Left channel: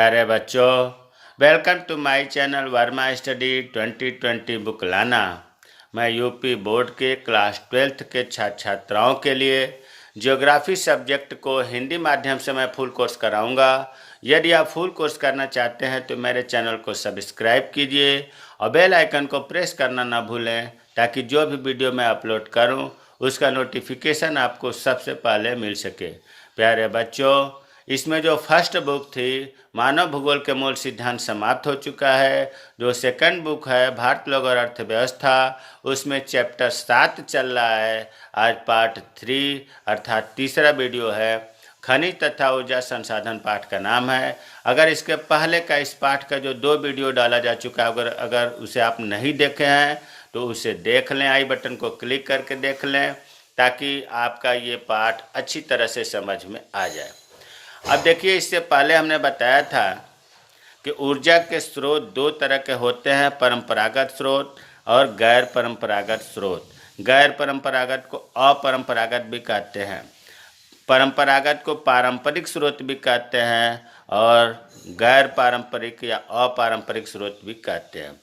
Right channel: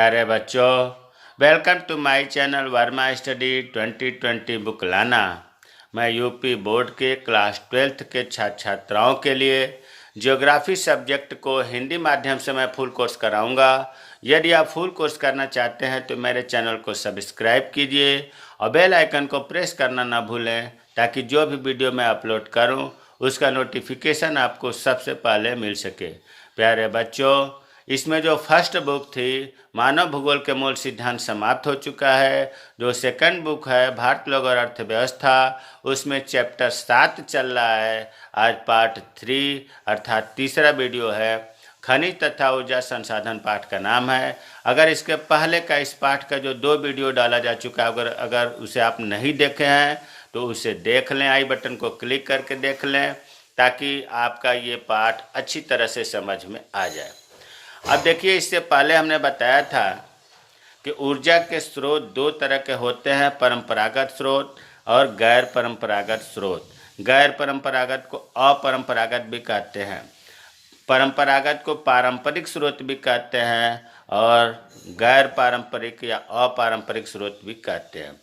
प्यारे बच्चों, welcome to my channel Verma study 2020 book लाना। मैं यूपी बोर्ड के क्लास 12th के छात्र छात्राओं के लिए ज्योग्राफी सब्जेक्ट को हिंदी माध्यम से मैं फुल कोर्स कराऊंगा। यदि आप फुल कोर्स करना चाहते हैं तो मेरे चैनल को सब्सक्राइब कीजिए और बेल आइकन को प्रेस करना ना भूलें, ताकि जो भी वीडियो मैं अपलोड करूं उसका नोटिफिकेशन आपको सबसे पहले मिल सके। प्यारे बच्चों, इसमें जो फर्स्ट बुक थी मानव भूगोल के मूल सिद्धांत समाप्त हो चुका है। जो सेकंड बुक है भारत लोग और अर्थव्यवस्था, उसमें चैप्टर 7 चल रहा है। आज पार्ट 3 अर्थात तीसरा वीडियो है। खनिज तथा ऊर्जा संसाधन पाठ का नाम है। अगर इसके पहले का इस पाठ का जो 2 वीडियो डाला जा चुका है, अगर उसे आप नहीं देखे हैं तो उसे देख लें। आई बटन को क्लिक करके देख लें, ताकि आपका ये पाठ अच्छी तरह से समझ में आ जाए। अब देखिए, इससे पहले हमने बताया था कि ऊर्जा के स्रोत 2 तरह के होते हैं, परंपरागत स्रोत और गैर परंपरागत स्रोत। गैर परंपरागत को अपरंपरागत भी कहते हैं, परंपरागत को पारंपरिक स्रोत भी कहते हैं और गैर पारंपरिक या अपारंपरिक स्रोत भी कहते हैं।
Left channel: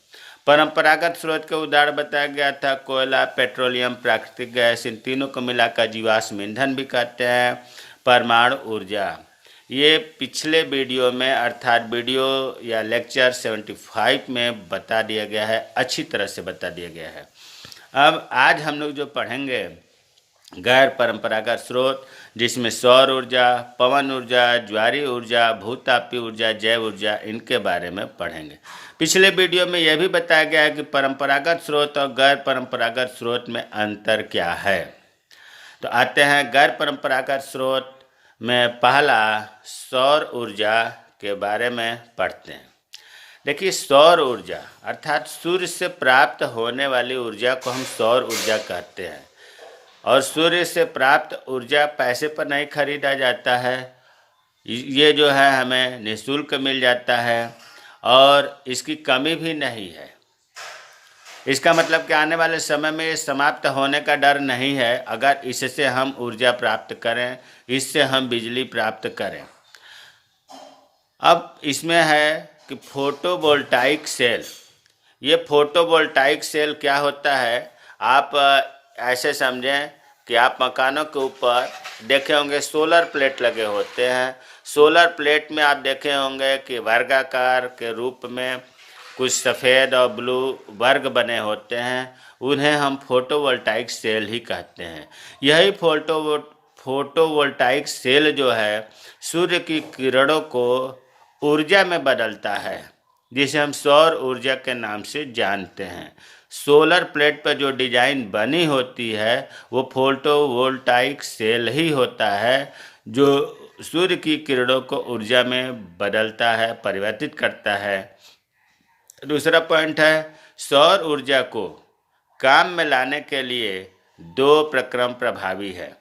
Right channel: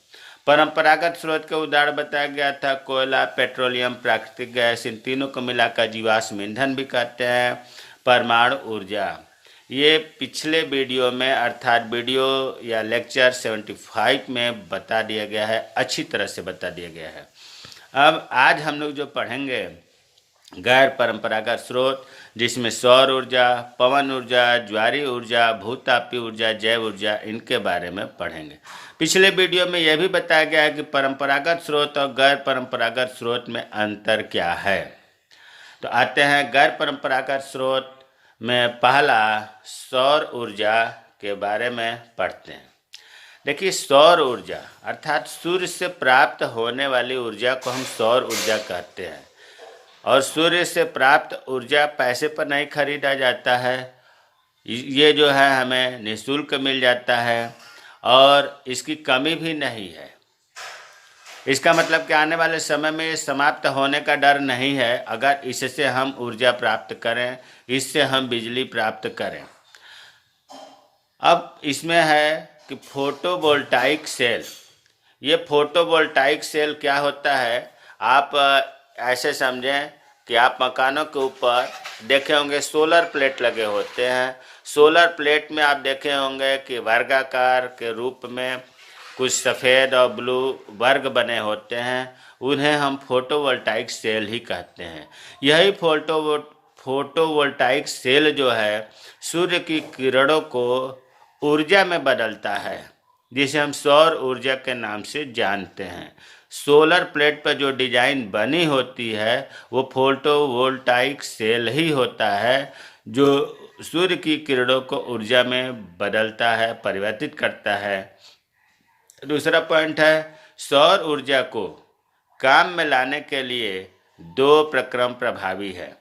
परंपरागत स्रोत के उदाहरण बताया गया था कोयला, पेट्रोलियम, प्राकृतिक गैस, इन तीनों को मिलाकर जीवाश्म ईंधन भी कहते हैं। परमाणु ऊर्जा, ये पिछले वीडियो में अर्थात वीडियो या लेक्चर 75 में बता दिया गया है, अच्छी तरह से बता दिया गया है। अब आज हम लोग जो पढ़ेंगे गैर परंपरागत स्रोत, जिसमें सौर ऊर्जा, पवन ऊर्जा, ज्वारीय ऊर्जा, भूतापीय ऊर्जा, जैव ऊर्जा, इनके बारे में पढ़ेंगे। पिछले वीडियो में यह भी बताया गया है कि परंपरागत स्रोत और गैर परंपरागत स्रोत में अंतर क्या है। तो आते हैं गैर परंपरागत स्रोत में। पहला सौर ऊर्जा के बारे में पढ़ते हैं। देखिए, सौर ऊर्जा अर्थात सूर्य से प्राप्त होने वाली ऊर्जा को हम सौर ऊर्जा कहते हैं। और सूर्य से प्राप्त ऊर्जा पैसे पर नहीं खरीदा जाता है, ये जो है हमें निःशुल्क मिल जाता है और इसकी कमी भी नहीं है। इसका मतलब कि आने वाले समय में ये समाप्त होने का डर नहीं है। अगर इससे हम ऊर्जा प्राप्त करें, इससे हम बिजली प्राप्त करें। अब इसमें है कि फोटोवोल्टाइक सेल। ये फोटोवोल्टाइक सेल क्या होता है, आप ऐसे समझें कि आप मकानों के ऊपर देखे होंगे सोलर प्लेट लगे होते हैं। सोलर प्लेट में आप देखे होंगे कि वर्गाकार के रूप में कुछ सफ़ेद और ब्लू वर्ग बने होते हैं, उन्हें हम फोटोवोल्टाइक सेल ही कहते हैं। यही फोटोवोल्टाइक सेल जो है सूर्य की किरणों को ऊर्जा में बदलता है, जिसे हम सौर ऊर्जा के नाम से जानते हैं। सोलर प्लेट पर जो डिजाइन बनी होती है वो फोटोवोल्टाइक सेल ही होता है, जो सूर्य की किरणों को ऊर्जा में बदलता है, परिवर्तित करता है। दूसरा पॉइंट है, सौर ऊर्जा को काम में लाने के लिए 2 प्रक्रम प्रभावी है।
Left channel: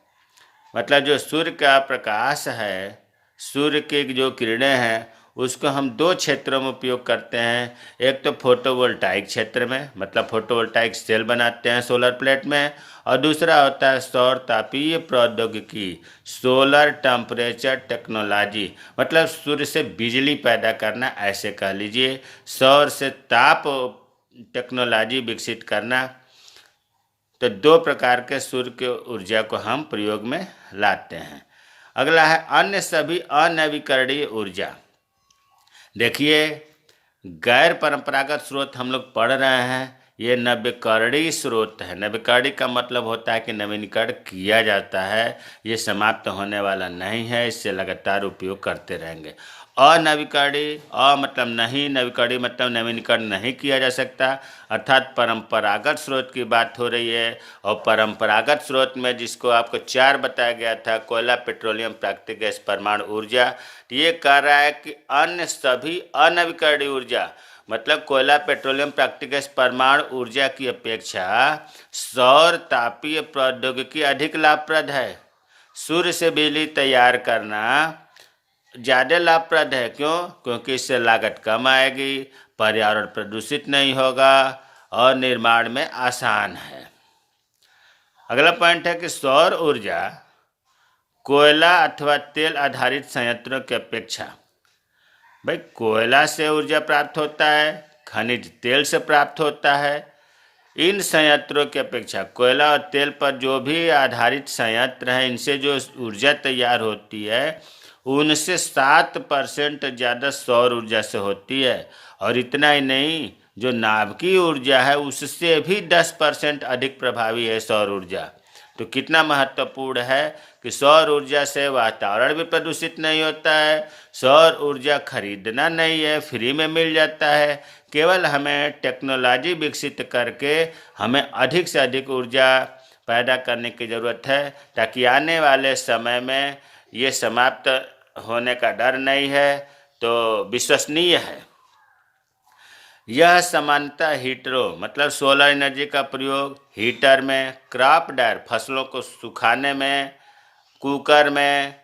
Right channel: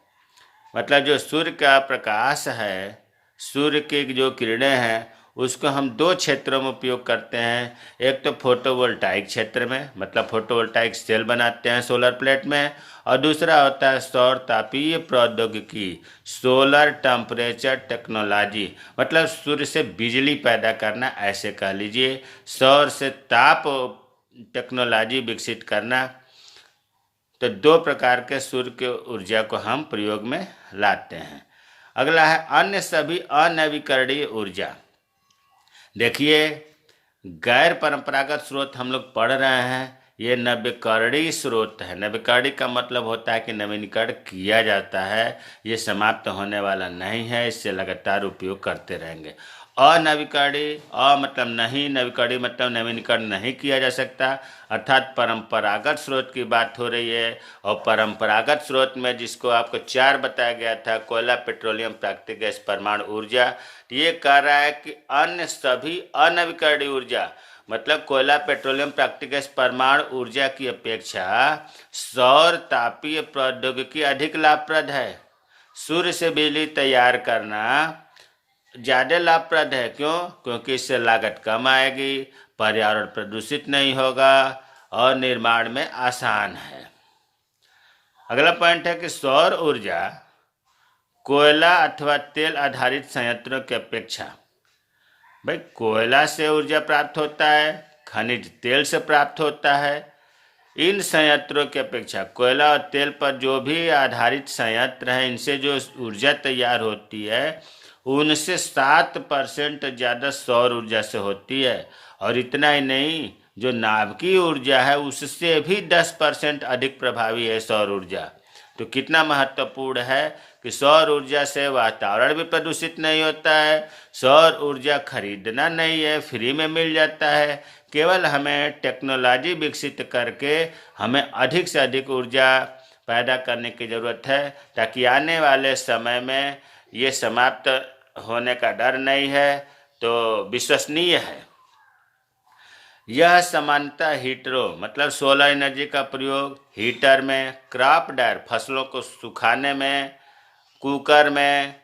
मतलब जो सूर्य का प्रकाश है, सूर्य की जो किरणें हैं, उसको हम 2 क्षेत्रों में उपयोग करते हैं। एक तो फोटोवोल्टाइक क्षेत्र में, मतलब फोटोवोल्टाइक सेल बनाते हैं सोलर प्लेट में, और दूसरा होता है सौर तापीय प्रौद्योगिकी, सोलर टेम्परेचर टेक्नोलॉजी, मतलब सूर्य से बिजली पैदा करना, ऐसे कह लीजिए, सौर से ताप टेक्नोलॉजी विकसित करना। तो 2 प्रकार के सूर्य के ऊर्जा को हम प्रयोग में लाते हैं। अगला है अन्य सभी अनवीकरणीय ऊर्जा। देखिए, गैर परंपरागत स्रोत हम लोग पढ़ रहे हैं, ये नवीकरणीय स्रोत है। नवीकरणीय का मतलब होता है कि नवीनीकरण किया जाता है, ये समाप्त होने वाला नहीं है, इससे लगातार उपयोग करते रहेंगे। अनवीकरणीय, मतलब नहीं, नवीकरणीय मतलब नवीनीकरण नहीं किया जा सकता, अर्थात परंपरागत स्रोत की बात हो रही है। और परंपरागत स्रोत में जिसको आपको 4 बताया गया था, कोयला, पेट्रोलियम, प्राकृतिक गैस, परमाणु ऊर्जा, ये कह रहा है कि अन्य सभी अनवीकरणीय ऊर्जा, मतलब कोयला, पेट्रोलियम, प्राकृतिक गैस, परमाणु ऊर्जा की अपेक्षा सौर तापीय प्रौद्योगिकी अधिक लाभप्रद है। सूर्य से बिजली तैयार करना ज़्यादा लाभप्रद है। क्यों? क्योंकि इससे लागत कम आएगी, पर्यावरण प्रदूषित नहीं होगा और निर्माण में आसान है। अगला पॉइंट है कि सौर ऊर्जा कोयला अथवा तेल आधारित संयंत्रों की अपेक्षा भाई कोयला से ऊर्जा प्राप्त होता है, खनिज तेल से प्राप्त होता है। इन संयंत्रों की अपेक्षा कोयला और तेल पर जो भी आधारित संयंत्र हैं, इनसे जो ऊर्जा तैयार होती है उनसे 7% ज़्यादा सौर ऊर्जा से होती है। और इतना ही नहीं, जो नाभिकीय ऊर्जा है उससे भी 10% अधिक प्रभावी है सौर ऊर्जा। तो कितना महत्वपूर्ण है कि सौर ऊर्जा से वातावरण भी प्रदूषित नहीं होता है, सौर ऊर्जा खरीदना नहीं है, फ्री में मिल जाता है। केवल हमें टेक्नोलॉजी विकसित करके हमें अधिक से अधिक ऊर्जा पैदा करने की ज़रूरत है, ताकि आने वाले समय में ये समाप्त होने का डर नहीं है, तो विश्वसनीय है। यह सामान्यतः हीटरों मतलब सोलर एनर्जी का प्रयोग हीटर में, क्रॉप ड्रायर फसलों को सुखाने में, कुकर में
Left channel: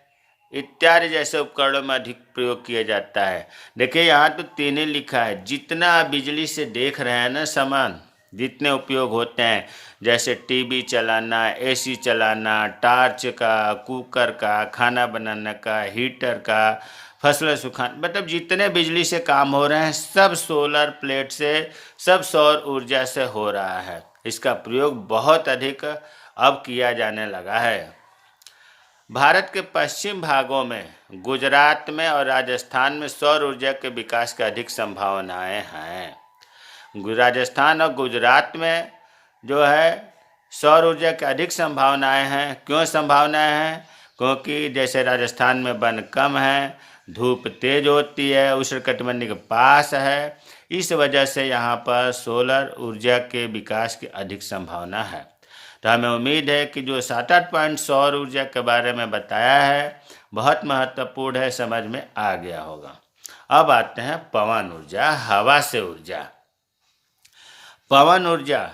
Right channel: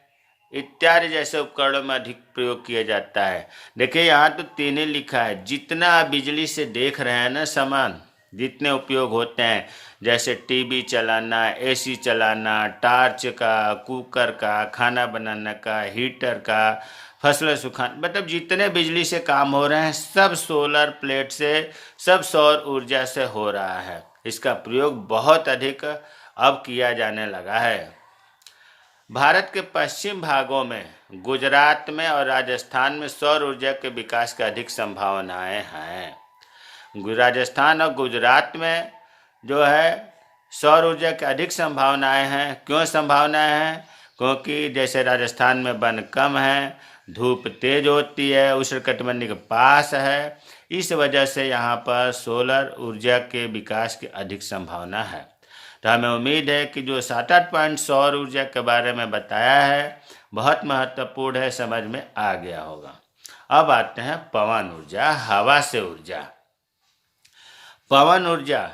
इत्यादि जैसे उपकरणों में अधिक प्रयोग किया जाता है। देखिए यहाँ तो 3 ही लिखा है। जितना आप बिजली से देख रहे हैं ना सामान, जितने उपयोग होते हैं, जैसे टीवी चलाना, एसी चलाना, टॉर्च का, कुकर का, खाना बनाने का, हीटर का, फसलें सुखाना, मतलब जितने बिजली से काम हो रहे हैं सब सोलर प्लेट से, सब सौर ऊर्जा से हो रहा है। इसका प्रयोग बहुत अधिक अब किया जाने लगा है। भारत के पश्चिम भागों में, गुजरात में और राजस्थान में सौर ऊर्जा के विकास की अधिक संभावनाएं हैं। राजस्थान और गुजरात में जो है सौर ऊर्जा की अधिक संभावनाएं हैं। क्यों संभावनाएं हैं? क्योंकि जैसे राजस्थान में वन कम है, धूप तेज होती है, उष्णकटिबंधीय के पास है, इस वजह से यहाँ पर सोलर ऊर्जा के विकास की अधिक संभावना है। तो हमें उम्मीद है कि जो 7-8 पॉइंट सौर ऊर्जा के बारे में बताया है बहुत महत्वपूर्ण है, समझ में आ गया होगा। अब आते हैं पवन ऊर्जा, हवा से ऊर्जा। पवन ऊर्जा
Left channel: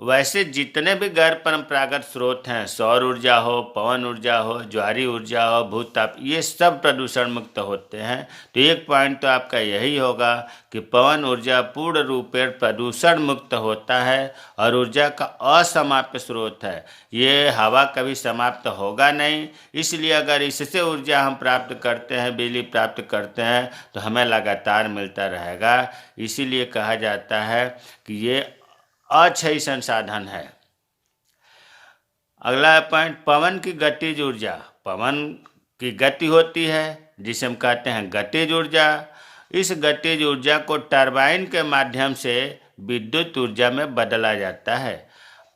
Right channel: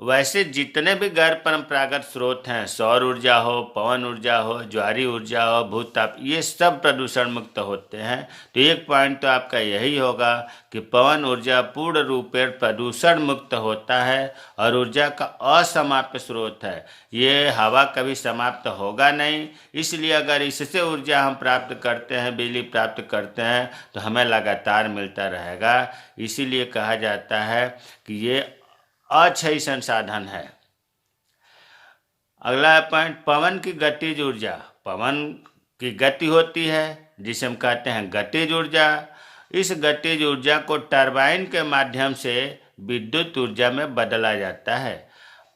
वैसे जितने भी गैर परंपरागत स्रोत हैं, सौर ऊर्जा हो, पवन ऊर्जा हो, ज्वारी ऊर्जा हो, भूताप, ये सब प्रदूषण मुक्त होते हैं। तो एक पॉइंट तो आपका यही होगा कि पवन ऊर्जा पूर्ण रूप से प्रदूषण मुक्त होता है और ऊर्जा का असमाप्त स्रोत है। ये हवा कभी समाप्त होगा नहीं, इसलिए अगर इससे ऊर्जा हम प्राप्त करते हैं, बिजली प्राप्त करते हैं, तो हमें लगातार मिलता रहेगा। इसीलिए कहा जाता है कि ये अक्षय संसाधन है। अगला पॉइंट, पवन की गतिज ऊर्जा। पवन की गति होती है जिसे हम कहते हैं गतिज ऊर्जा। इस गतिज ऊर्जा को टरबाइन के माध्यम से विद्युत ऊर्जा में बदला जाता है।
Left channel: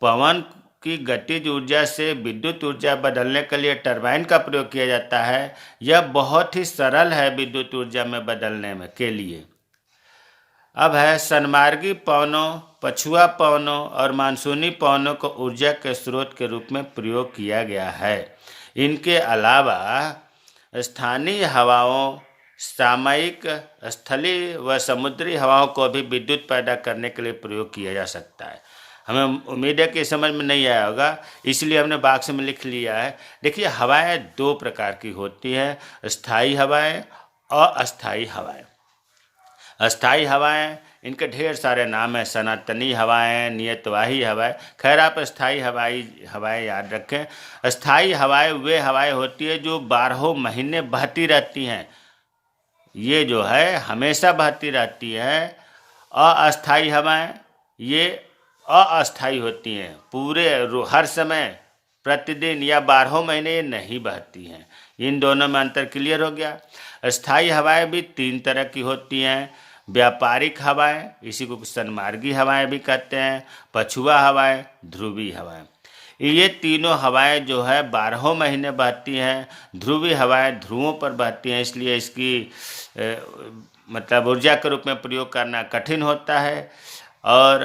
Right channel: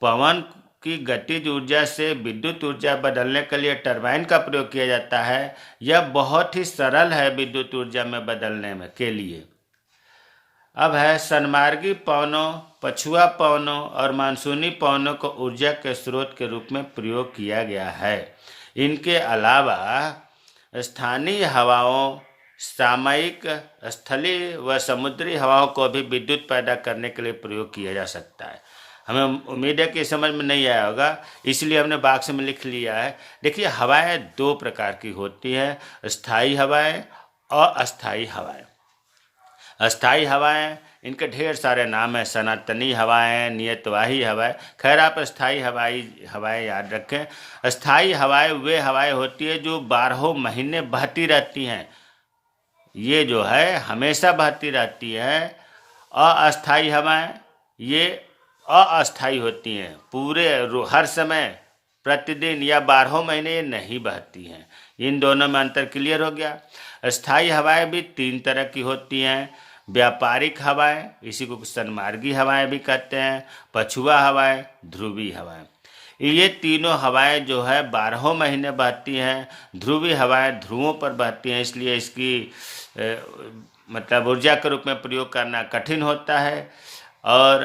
पवन की गतिज ऊर्जा से विद्युत ऊर्जा बदलने के लिए टरबाइन का प्रयोग किया जाता है। यह बहुत ही सरल है विद्युत ऊर्जा में बदलने में के लिए। अब है सनमार्गी पवनों, पछुआ पवनों और मानसूनी पवनों को ऊर्जा के स्रोत के रूप में प्रयोग किया गया है। इनके अलावा स्थानीय हवाओं, सामयिक स्थलीय व समुद्री हवाओं को भी विद्युत पैदा करने के लिए प्रयोग किया जा सकता है। हमें उम्मीद है कि समझ में नहीं आया होगा, इसलिए हमने बॉक्स में लिख लिया है। देखिए हवाएं 2 प्रकार की होती हैं, स्थायी हवाएं और अस्थायी हवाएं। अस्थायी हवाएं, इनके ढेर सारे नाम हैं, सनातनी हवाएं, नियतवाही हवाएं। खैर आप अस्थायी हवाएं याद रखें। अस्थायी हवाएं वे हवाएं होती है जो 12 महीने बहती रहती हैं, ये जो है हमेशा बहती रहती है। अस्थायी हवाएं ये अस्थायी होती हैं, पूरे हर समय प्रतिदिन या 12 महीने ये नहीं बहती हैं। इन दोनों में अंतर क्लियर हो गया। अस्थायी हवाएं भी 3 तरह की होती हैं। व्यापारिक हवाएं, इसी को सनमार्गी हवाएं भी कहते हैं, पछुआ हवाएं, ध्रुवीय हवाएं। ये तीनों हवाएं जो है 12 महीने बहती हैं। ध्रुवीय हवाएं ध्रुवों पर बहती हैं, इसलिए इसकी मतलब ऊर्जा के रूप में प्रयोग करना कठिन होता है। और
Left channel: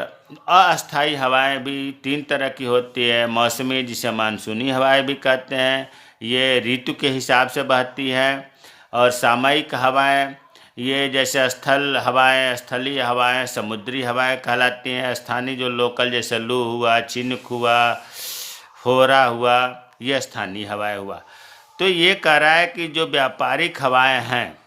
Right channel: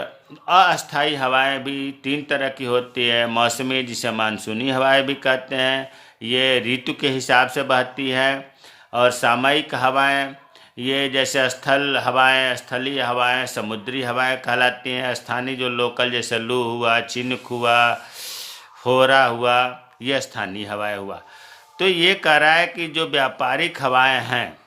अस्थायी हवाएं भी 3 तरह की होती है। मौसमी, जिसे मानसूनी हवाएं भी कहते हैं, ये ऋतु के हिसाब से बहती हैं। और सामयिक हवाएं, ये जैसे स्थल हवाएं, स्थलीय हवाएं, समुद्री हवाएं कहलाती हैं। स्थानीय जो लोकल, जैसे लू हुआ, चिनुक हुआ, फोरा हुआ, ये स्थानीय हवाएं हुआ। तो ये कह रहा है कि जो व्यापारिक हवाएं हैं,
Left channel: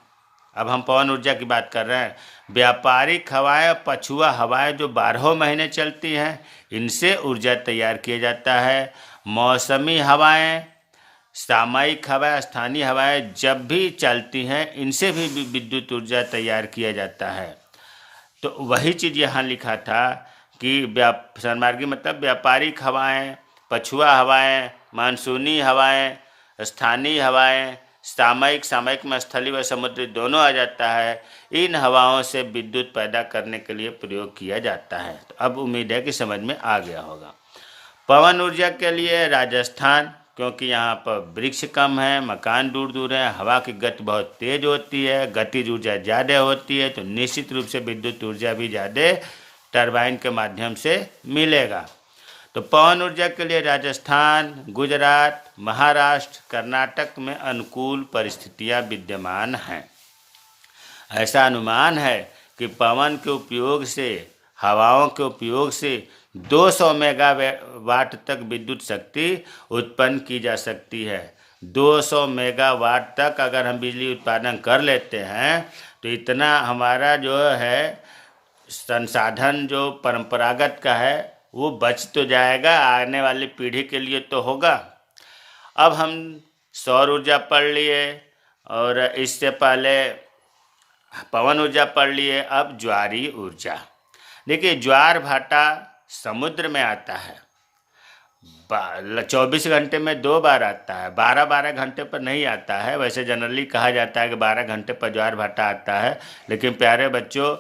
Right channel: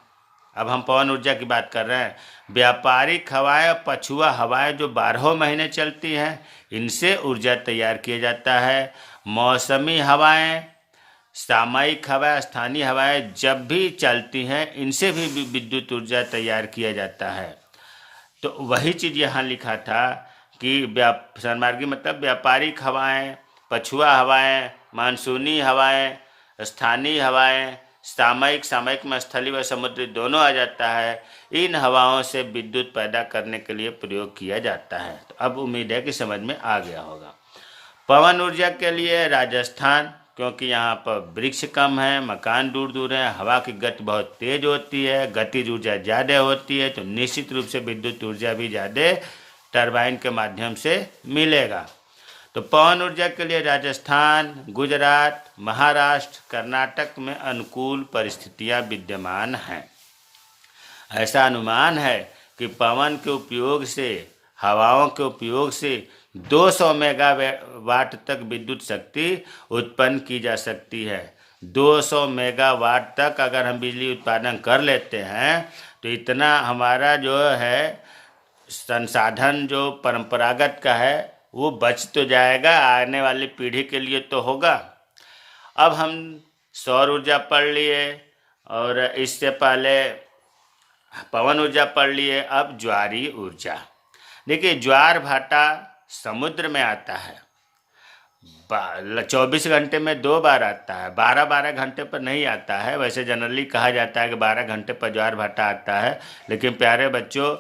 अब हम पवन ऊर्जा की बात कर रहे हैं, व्यापारिक हवाएं, पछुआ हवाएं जो 12 महीने चलती हैं, इनसे ऊर्जा तैयार किया जाता है। मौसमी हवाएं, सामयिक हवाएं, स्थानीय हवाएं जब भी चलती हैं, इनसे भी विद्युत ऊर्जा तैयार किया जाता है। तो वही चीज़ यहाँ लिखा था कि सन्मार्गी मतलब व्यापारिक हवाएं, पछुआ हवाएं, मानसूनी हवाएं, स्थानीय हवाएं, सामयिक, सामयिक में स्थलीय व समुद्री दोनों आ जाता है। इन हवाओं से विद्युत पैदा करने के लिए प्रयोग किया जाता है। तो अब उम्मीद है कि समझ में आ गया होगा। पवन ऊर्जा के लिए राजस्थान, क्योंकि यहाँ पर वृक्ष कम है, मकान दूर दूर है, हवा की गति बहुत तेज होती है, गतिज ऊर्जा ज़्यादा होती है, तो निश्चित रूप से विद्युत ऊर्जा भी ज़्यादा टरबाइन के माध्यम से मिलेगा। तो पवन ऊर्जा के लिए राजस्थान, गुजरात, महाराष्ट्र, कर्नाटक में अनुकूल परिस्थितियां विद्यमान हैं। ऐसा अनुमान है कि पवन के उपयोग से, हवाओं के उपयोग से 200 मेगावाट तक विद्युत शक्ति उत्पन्न की जा सकती है। 200 मेगावाट तक अगर हम बिजली उत्पादन कर लेते हैं तो इतना हमारा जो है संसाधन जो परंपरागत का है वो बच तो जाएगा, आने वाली पीढ़ी के लिए तो होगा। अब हम सौर ऊर्जा पढ़ लिए और इससे पहले पवन ऊर्जा पढ़ लिए। अब ज्वारीय ऊर्जा। देखिए, ज्वार भाटा समुद्र में आता है, 24 घंटे में 2 बार आता है, 12-12 घंटे पर नहीं आता है। वैसे जनरली कहा जाता है कि 12 घंटे पर ज्वार भाटा आता है, लेकिन प्यारे बच्चों,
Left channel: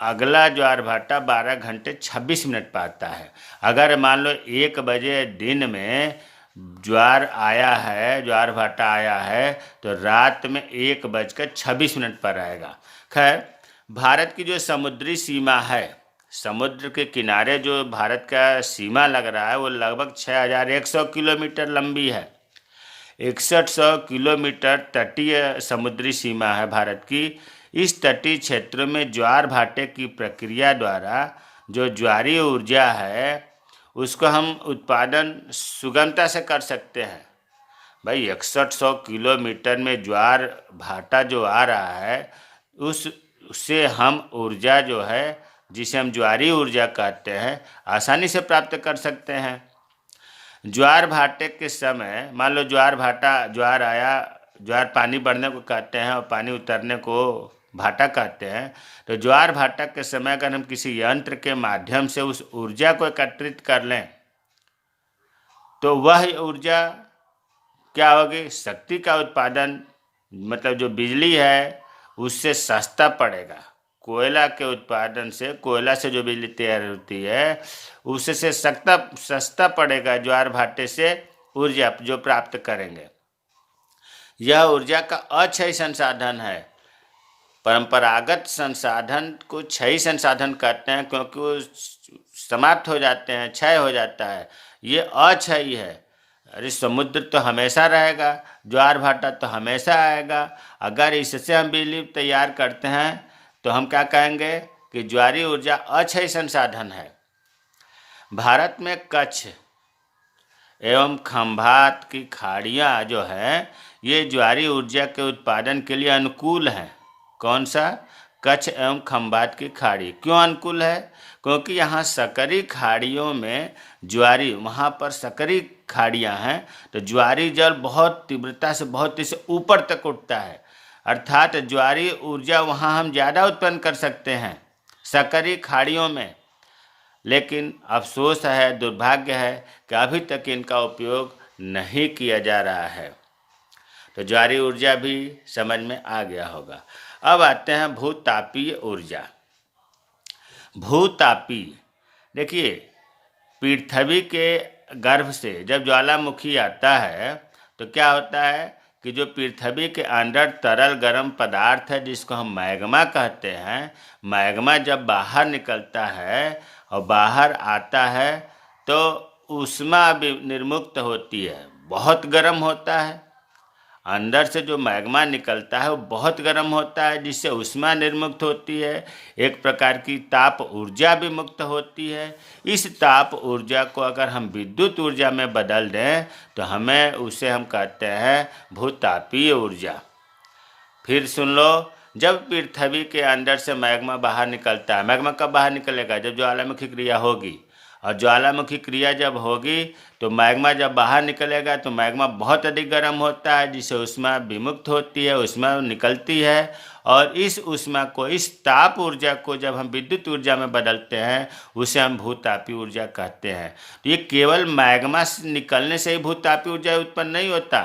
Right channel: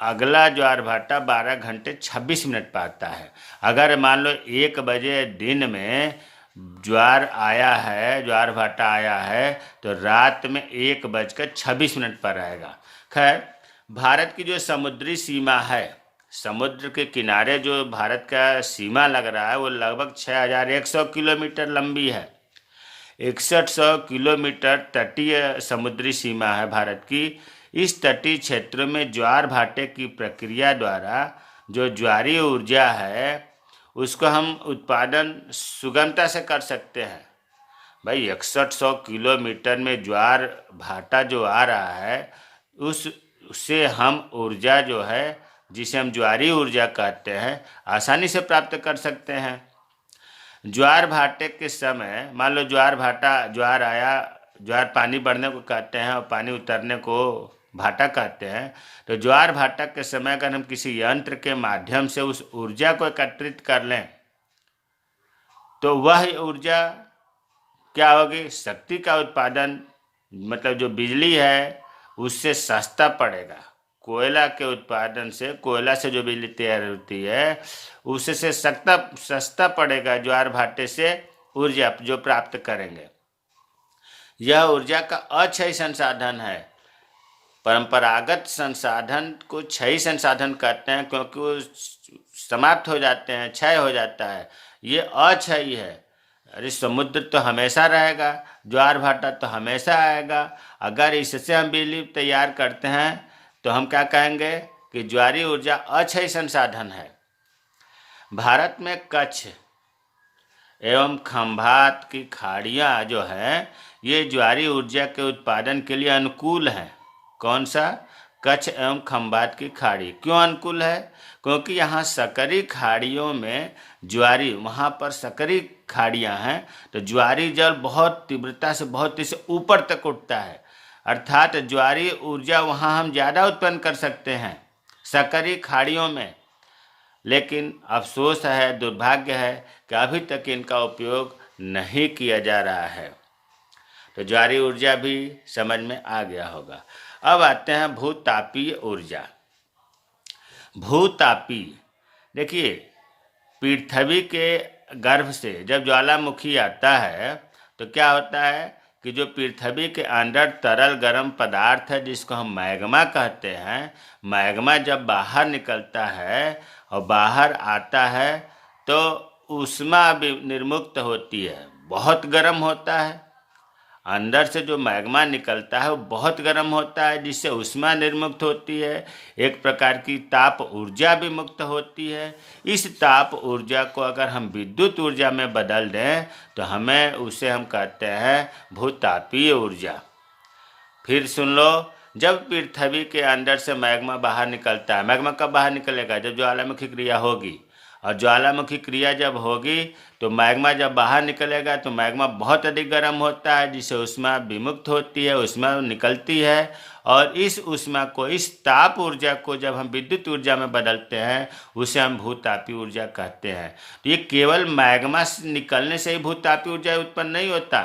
अगला ज्वार भाटा 12 घंटे 26 मिनट पर आता है। अगर मान लो 1 बजे दिन में ज्वार आया है, ज्वार भाटा आया है, तो रात में 1:26 पर आएगा। खैर, भारत की जो समुद्री सीमा है, समुद्र के किनारे जो भारत का सीमा लग रहा है वो लगभग 6100 किलोमीटर लंबी है। 6100 किलोमीटर तटीय समुद्री सीमा है भारत की। इस तटीय क्षेत्रों में ज्वार भाटे की प्रक्रिया द्वारा जो ज्वारीय ऊर्जा है उसको हम उत्पादन सुगमता से कर सकते हैं। भाई, 6100 किलोमीटर में ज्वार भाटा जो आ रहा है उससे हम ऊर्जा जो है, जिसे हम ज्वारीय ऊर्जा कहते हैं, आसानी से प्राप्त कर सकते हैं। ज्वार भाटे के समय मान लो ज्वार आया, ज्वार पानी बढ़ने को कहते हैं और पानी उतरने को भाटा कहते हैं। तो ज्वार भाटा के समय अगर हम किसी यंत्र के माध्यम से उस ऊर्जा को एकत्रित कर लें तो वह ऊर्जा क्या होगी? शक्ति का उत्पादन, मतलब जो बिजली है उससे सस्ता पड़ेगा। कोयला के उत्पादन से, कोयला से जो बिजली तैयार होती है उससे सस्ता पड़ेगा ज्वार भाटे से ऊर्जा जो प्राप्त करेंगे। यह ऊर्जा का अक्षय संसाधन है। परंपरागत संसाधन को क्षय संसाधन कहते हैं क्योंकि वो समाप्त हो जाते हैं, क्षय हो जाता है। ये अक्षय है। अरे, समुद्र तो हमेशा रहेगा, ज्वार भाटा तो हमेशा आएगा। अगर इससे हम बिजली तैयार करते हैं तो हम क्या कहेंगे कि ज्वारीय ऊर्जा अक्षय संसाधन है। भारत में कच्छ एवं खंभात की खाड़ियाँ जो हैं ये ज्वारीय ऊर्जा के उत्पादन के लिए अनुकूल हैं। कौन सा? कच्छ एवं खंभात की खाड़ी। क्यों अनुकूल है? क्योंकि यहाँ सकरी खाड़ियों में ज्वारी, वहाँ पर सकरी खाड़ियाँ हैं तो ज्वारी जल बहुत तीव्रता से, बहुत तेज से ऊपर तक उठता है। अर्थात ज्वारीय ऊर्जा वहाँ हम ज़्यादा उत्पन्न कर सकते हैं सकरी खाड़ियों में। लेकिन अफसोस है, दुर्भाग्य है कि अभी तक इनका उपयोग नहीं किया जा रहा है। तो ज्वारीय ऊर्जा भी समझ में आ गया होगा। अब आते हैं भूतापीय ऊर्जा। भूतापीय, देखिए, पृथ्वी के गर्भ से जब ज्वालामुखी आता है तो क्या होता है कि जो पृथ्वी के अंदर तरल गर्म पदार्थ है जिसको हम मैग्मा कहते हैं, मैग्मा जब बाहर निकलता है और बाहर आता है तो ऊष्मा निर्मुक्त होती है, बहुत गर्म होता है। अंदर से जो मैग्मा निकलता है वो बहुत गर्म होता है जिससे ऊष्मा निर्मुक्त होती है। एक प्रकार की ताप ऊर्जा भी मुक्त होती है। इस ताप ऊर्जा को अगर हम विद्युत ऊर्जा में बदल दें तो उसे हम कहते हैं भूतापीय ऊर्जा। फिर सुन लो, जब पृथ्वी के अंदर से मैग्मा बाहर निकलता है, मैग्मा कब बाहर निकलेगा? जब ज्वालामुखी क्रिया होगी और ज्वालामुखी क्रिया जब होगी तो मैग्मा जब बाहर निकलेगा तो मैग्मा बहुत अधिक गर्म होता है, जिससे ऊष्मा विमुक्त होती है, ऊष्मा निकलती है। और इस ऊष्मा को, इस ताप ऊर्जा को जब हम विद्युत ऊर्जा में बदलते हैं उसे हम भूतापीय ऊर्जा कहते हैं। तो ये केवल मैग्मा निकलने से ही भूतापीय ऊर्जा उत्पन्न नहीं होता,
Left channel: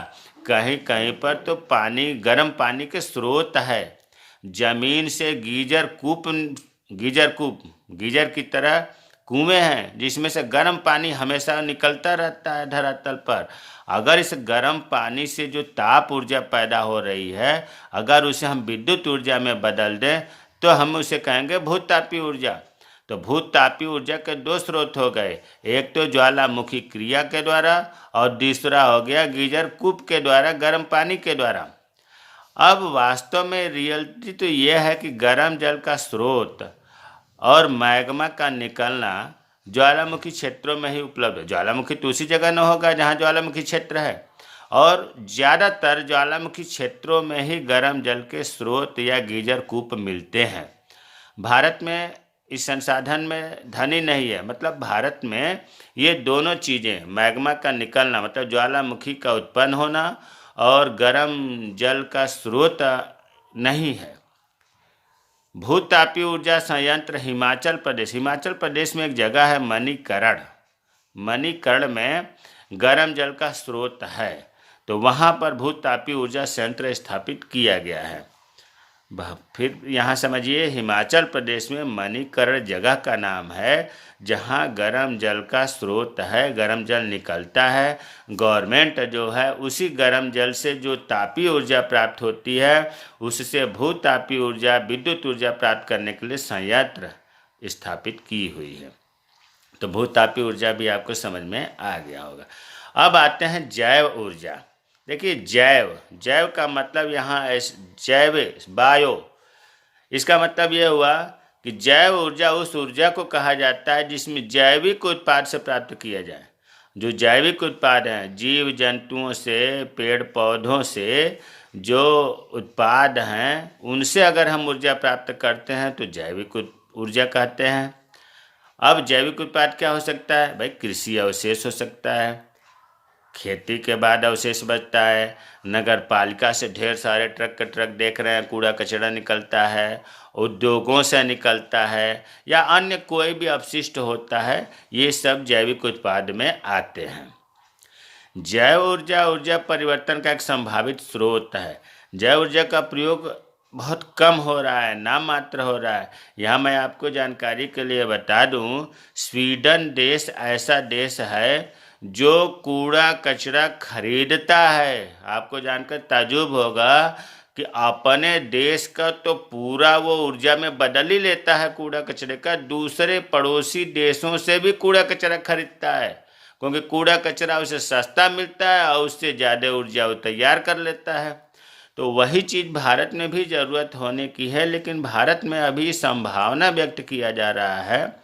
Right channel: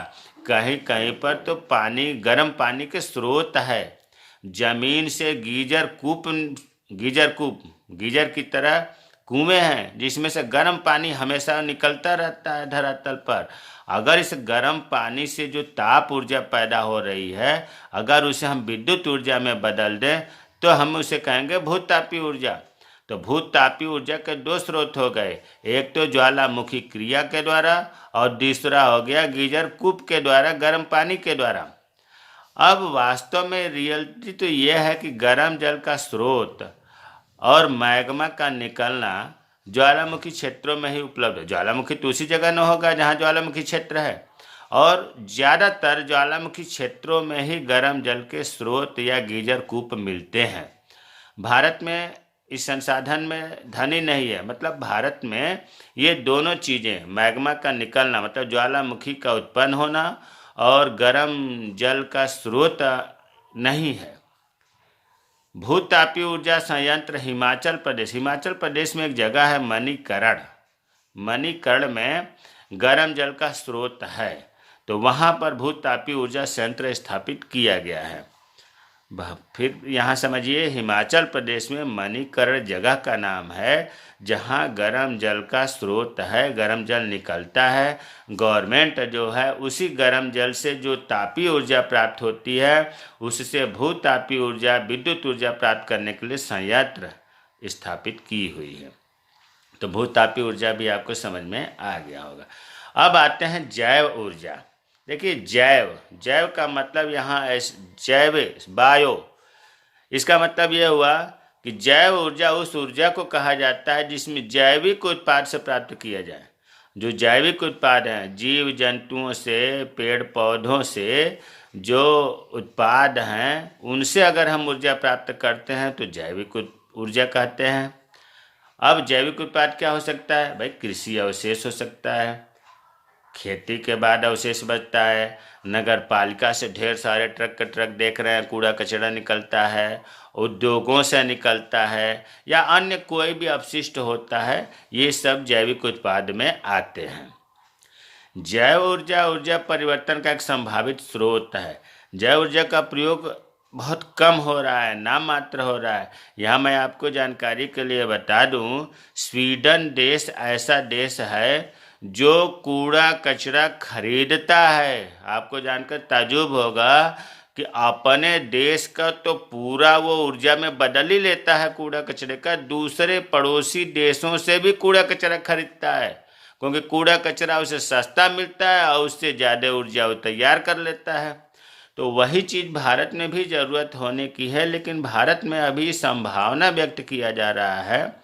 कहीं कहीं पर तो पानी, गर्म पानी के स्रोत है। जमीन से गीजर की तरह कुएं हैं जिसमें से गर्म पानी हमेशा निकलता रहता है धरातल पर। अगर इस गर्म पानी से जो ताप ऊर्जा पैदा हो रही है, अगर उसे हम विद्युत ऊर्जा में बदल दें तो हम उसे कहेंगे भूतापीय ऊर्जा। तो भूतापीय ऊर्जा के दो स्रोत हो गए, एक तो ज्वालामुखी क्रिया के द्वारा और दूसरा हो गया गीजर कूप के द्वारा, गर्म पानी के द्वारा। अब वास्तव में रियलिटी तो यह है कि गर्म जल का स्रोत और मैग्मा का निकलना ज्वालामुखी क्षेत्रों में ही उपलब्ध है। ज्वालामुखी तो उसी जगह न होगा जहाँ ज्वालामुखी क्षेत्र है, और ज़्यादातर ज्वालामुखी क्षेत्रों में ही गर्म जल के स्रोत या गीजर कूप मिलते हैं। भारत में इस संसाधन में धनी नहीं है, मतलब भारत में ये दोनों चीज़ें, मैग्मा का निकलना मतलब ज्वालामुखी का उत्पन्न होना और गर्म जल का स्रोत नहीं है। भूतापीय ऊर्जा संयंत्र हिमाचल प्रदेश में एक जगह है मणिकर्ण में गर्म जल का स्रोत है, तो वहाँ पर भूतापीय ऊर्जा संयंत्र स्थापित किया गया है। फिर यहाँ समझिए, हिमाचल प्रदेश में मणिकर्ण जगह का नाम है जहाँ गर्म जल का स्रोत है, गर्म जल निकलता है। गवर्नमेंट जो है उसी गर्म जल से जो तापीय ऊर्जा प्राप्त होती है उससे भूतापीय ऊर्जा, विद्युत ऊर्जा प्राप्त करने के लिए संयंत्र स्थापित की हुई है। तो भूतापीय ऊर्जा भी आपको समझ में आ गया होगा। अब आते हैं जैव ऊर्जा। देखिए, जैव का मतलब यहाँ बायो, इसका मतलब यह हुआ कि जैव ऊर्जा उस ऊर्जा को कहा जाता है जिसमें जैविक उत्पाद से प्राप्त किया जाए। जो जैविक उत्पाद हैं, जीव जंतुओं से, पेड़ पौधों से जो उत्पाद हैं, उनसे अगर हम ऊर्जा प्राप्त करते हैं तो जैविक ऊर्जा कहते हैं। अब जैविक उत्पाद क्या हो सकता है भाई? कृषि अवशेष हो सकता है, खेती के बाद अवशेष बचता है, नगर पालिका से ढेर सारे ट्रक के ट्रक देख रहे हैं, कूड़ा कचरा निकलता है, उद्योगों से निकलता है, या अन्य कोई भी अपशिष्ट होता है, ये सब जैविक उत्पाद में आते हैं। जैव ऊर्जा ऊर्जा परिवर्तन का एक संभावित स्रोत है। जैव ऊर्जा का प्रयोग बहुत कम हो रहा है, नाम मात्र हो रहा है। यहाँ मैं आपको जानकारी के लिए बता दूँ, स्वीडन देश ऐसा देश है जो कूड़ा कचरा खरीदता है। आपको जानकर ताज्जुब होगा कि अपने देश का तो पूरा वो ऊर्जा में बदल ही लेता है कूड़ा कचरे का, दूसरे पड़ोसी देशों से भी कूड़ा कचरा खरीदता है, क्योंकि कूड़ा कचरा उसे सस्ता मिलता है और उससे ज़्यादा ऊर्जा वो तैयार कर लेता है। तो वही चीज़ भारत में भी ज़रूरत होने की है, लेकिन भारत में अभी संभावना व्यक्त किया जा रहा है।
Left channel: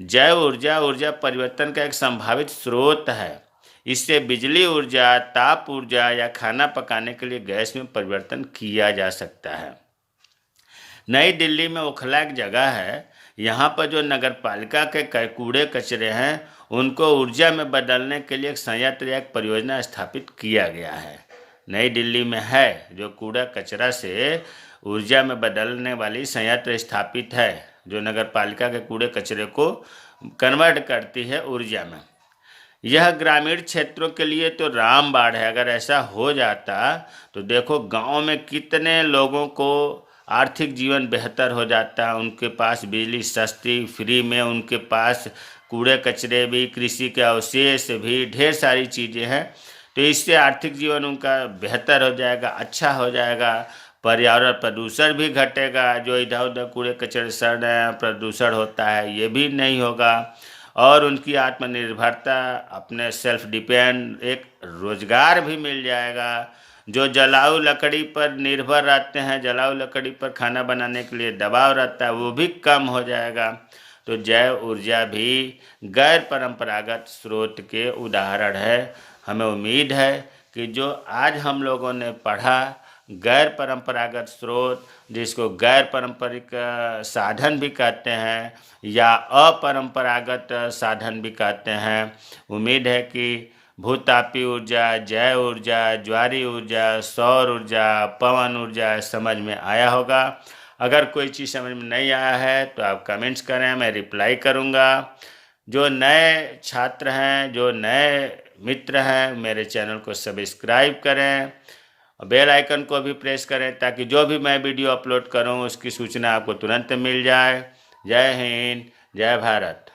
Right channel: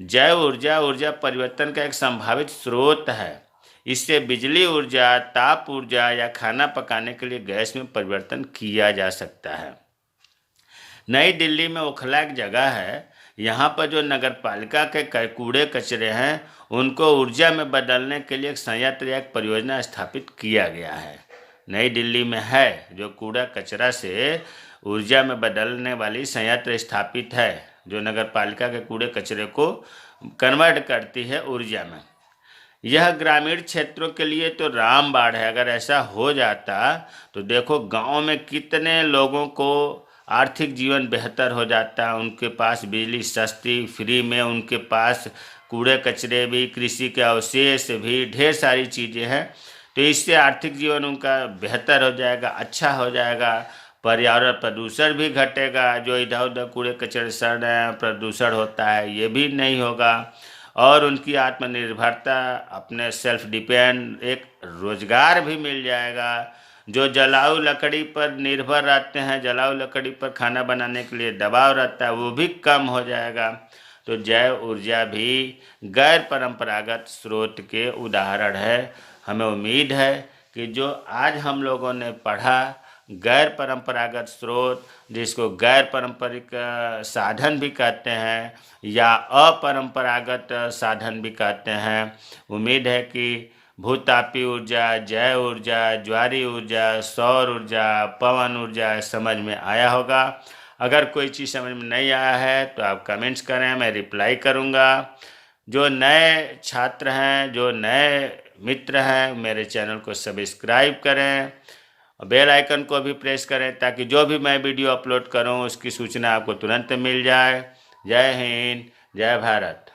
जैव ऊर्जा ऊर्जा परिवर्तन का एक संभावित स्रोत है। इससे बिजली ऊर्जा, ताप ऊर्जा या खाना पकाने के लिए गैस में परिवर्तन किया जा सकता है। नई दिल्ली में ओखला एक जगह है, यहाँ पर जो नगर पालिका के कूड़े कचरे हैं उनको ऊर्जा में बदलने के लिए एक संयंत्र या एक परियोजना स्थापित किया गया है। नई दिल्ली में है, जो कूड़ा कचरा से ऊर्जा में बदलने वाली संयंत्र स्थापित है, जो नगर पालिका के कूड़े कचरे को कन्वर्ट करती है ऊर्जा में। यह ग्रामीण क्षेत्रों के लिए तो रामबाण है। अगर ऐसा हो जाता तो देखो गांव में कितने लोगों को आर्थिक जीवन बेहतर हो जाता, उनके पास बिजली सस्ती फ्री में, उनके पास कूड़े कचरे भी, कृषि के अवशेष भी, ढेर सारी चीज़ें हैं। तो इससे आर्थिक जीवन उनका बेहतर हो जाएगा, अच्छा हो जाएगा, पर्यावरण प्रदूषण भी घटेगा। जो इधर उधर कूड़े कचरे सड़ रहे हैं, प्रदूषण होता है, ये भी नहीं होगा, और उनकी आत्मनिर्भरता, अपने सेल्फ डिपेंड, एक रोजगार भी मिल जाएगा। जो जलाऊ लकड़ी पर निर्भर रहते हैं, जलाऊ लकड़ी पर खाना बनाने के लिए दबाव रहता है, वो भी कम हो जाएगा। तो जैव ऊर्जा भी गैर परंपरागत स्रोत के उदाहरण है। हमें उम्मीद है कि जो आज हम लोगों ने पढ़ा, गैर परंपरागत स्रोत, जिसको गैर पारंपरिक साधन भी कहते हैं, या अपरंपरागत साधन भी कहते हैं। उम्मीद है कि भूतापी ऊर्जा, जैव ऊर्जा, ज्वारीय ऊर्जा, सौर ऊर्जा, पवन ऊर्जा समझ में आया होगा। अगर कोई चीज़ समझ में नहीं आया है तो आप कमेंट्स करें, मैं रिप्लाई करूँगा। जो नए छात्र हैं, जो नए मित्र हैं, मेरे चैनल को सब्सक्राइब करें, बेल आइकन को भी प्रेस करें ताकि जो भी मैं वीडियो अपलोड करूं उसकी सूचना आपको तुरंत मिल जाए। जय हिंद, जय भारत।